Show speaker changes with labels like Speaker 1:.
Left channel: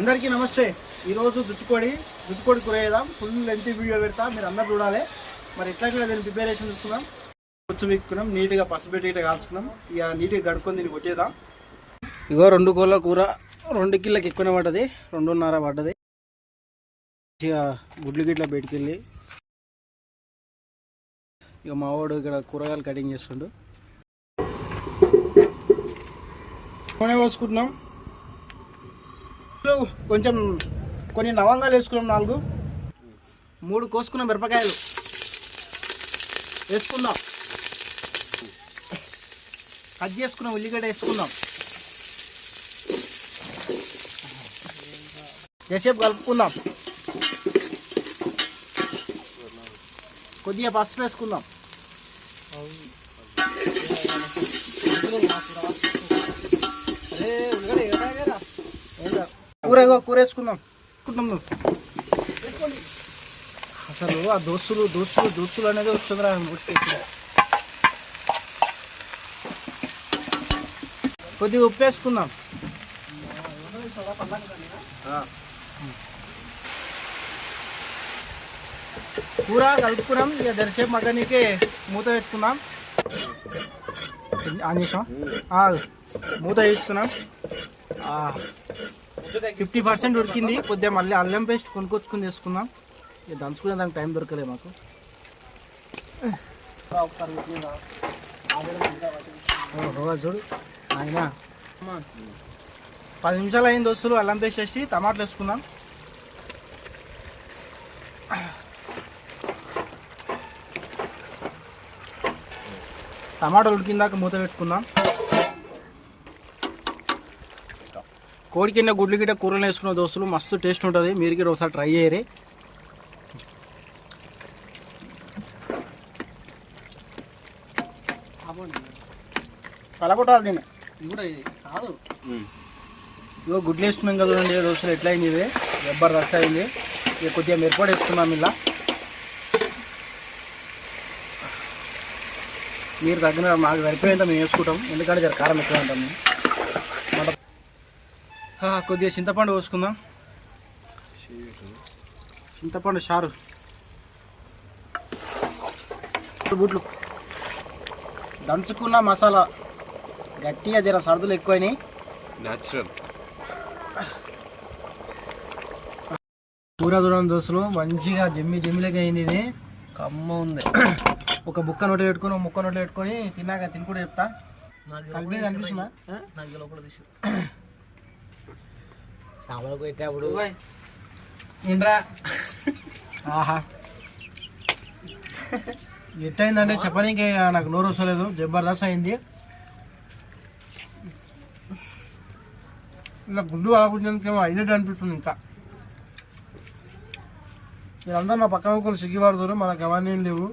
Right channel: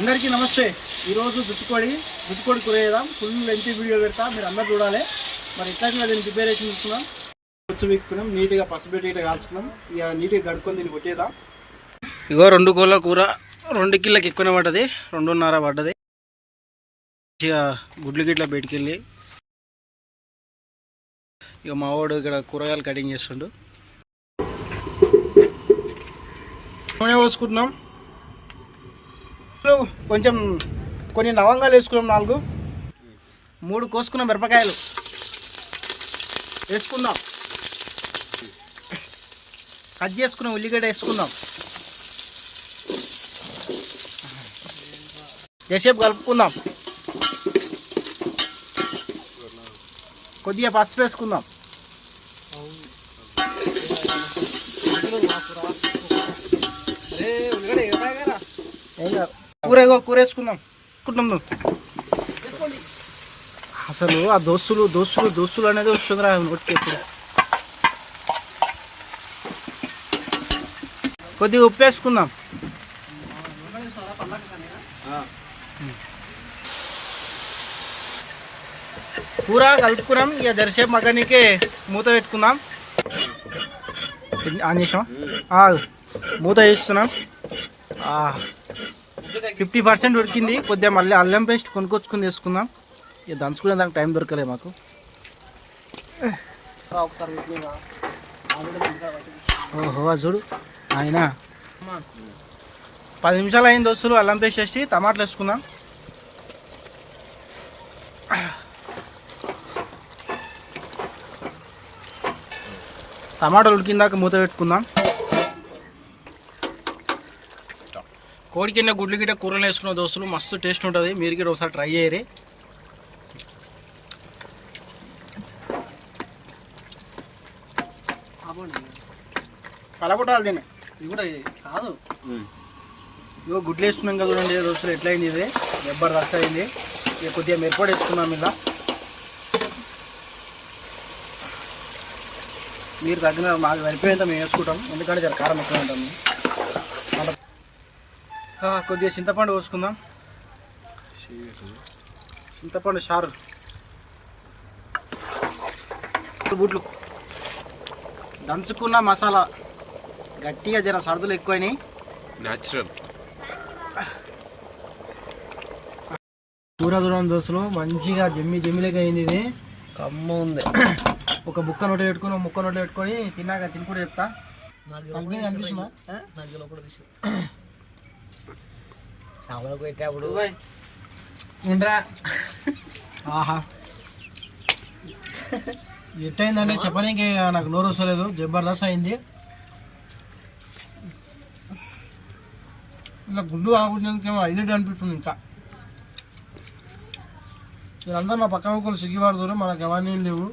Speaker 1: అందరికీ నమస్తే. ఈరోజు దుట్టుకోడి దుట్టుకోడి కూర చేద్దాం. ఫుల్ లెంత్ వీడియో పెడతా. మీరు అందరు చూడాలి. మరి ఎట్లా దీన్ని ప్రిపరేషన్ చూసుకున్నాం కొంచెం వీక్కున్నాం నీట్గా పసిపెట్టి ఇట్లా కాల్చుకున్నాం ఇక నీట్గా గడుకొని దీన్ని కొట్టేద్దాం. ఇగో రెండు కోళ్ళ కూర. రెండు కిలోకి ఎక్కువనే పడ్డది. రెండున్నర పడ్డది. మంచిగా గుడ్లు గిట్ల పెట్టుకెళ్ళి ఇక మా వాడు ఇక్కడ కూరగాయలు కటింగ్ చేస్తుండు. పోసుకుంటున్నాం. ఇప్పుడు కొంచెం కొన్ని లవంగాలు వేసుకున్నాం నాలుగు. మూడు కోసుకున్న మిరపకాయలు. వేసుకుందాం. కట్ చేసుకున్న ఉల్లిగడ్డ వేసుకుందాం. ఎసేపు కలుపుకుందాం. కొద్దిగా పసుపు వేసుకుందాం. కూర ఇగో కూర వేసుకుందాం. నువ్వు అసలు ఆ దోస్తులు దోస్తులు దోస్తులు అనేది వస్తుందిరా నోటికి ఇప్పుడు. కొద్దిగా ఉప్పు వేసుకుందాం. కూర కలుపుకున్నాం ఇక దరిసేపు మగ్గనికే మూత పెట్టుకుందాం. ఆన్ చేసాం మూత వేస్తున్నాం. ఫిఫ్టీ పర్సెంట్ ఉడికింది కొద్దిగా మళ్ళీ అల్లం పేస్ట్ కొనుక్కొచ్చుకుని తీసుకుందాం ఇక దంచుకునే దానికి టైం దొరకలే మాకు. ఓహో చూడు. ఆయన పది నిమిషాలు అయింది దోస్తులు అల్లం పేస్ట్ వేసి టమాటాలు వేసుకుందాం. టమాటాలు ఉడికిందాక మూత పెట్టుకుందాం. కోడి కింద గుడ్లు గిట్ట కూరలు వేసుకున్న దోస్తులు మస్తు టేస్ట్ ఉంటుంది. మీరు కూడా ఒకసారి ట్రై చేయరు. కలగొట్టాలి దీన్ని.
Speaker 2: ఇది కూడా ఇది కాదు.
Speaker 1: ఇగో గుడ్లు వేసుకున్నాం కదా చూడండి దోస్తులు ఎట్లా అయింది ఇది? రబ్బర్ రస అయింది. ఇక కొద్దిగా మిరపడి వేసుకుందాం ఇలా. మీరు తగ్గిన మాకు సరిపోయేంత మేము వేసుకుంటాం. ఎందుకంటే జర కారం ఎక్కువ ఉంటుంది. కొద్దిగా చింతపండు పోసుకుందాం చింతపండు చారు. గుడ్లు దంచుకున్న మసాలా గట్టిగా జర సరుదులు ఎక్కువైనాయి.
Speaker 3: న్యాచురల్
Speaker 1: కూర దూరం దోశలు మంచిగా జమ్మి జమ్మిలకి అయింది ఇది.
Speaker 2: కమ్మ ఉంది.
Speaker 1: ఒక బుక్క నోట పెట్టుకొని ఒక ముక్క నోట పెట్టుకొని తిన్నాక తిని కూడా చెప్తా.
Speaker 2: నాకు
Speaker 1: కలిపి కనిపిస్తుందా?
Speaker 2: నాకు చేపలకు పెట్టేప్పుడు
Speaker 1: ఏంట్రా? ఆహా. ఎట్టయిందంటే చెప్పనీకి నాకు నోరు వస్తలేదు. జబర్దస్త్ అయింది. ఇలా గుడ్డు ఆగుతుందేమో అయినట్టు అనిపిస్తుంది ఇంకా. వీళ్ళందరూ నా పక్కన ఒకరు సిగ్గిపడుతారు మనకు అవన్నీ లేవు.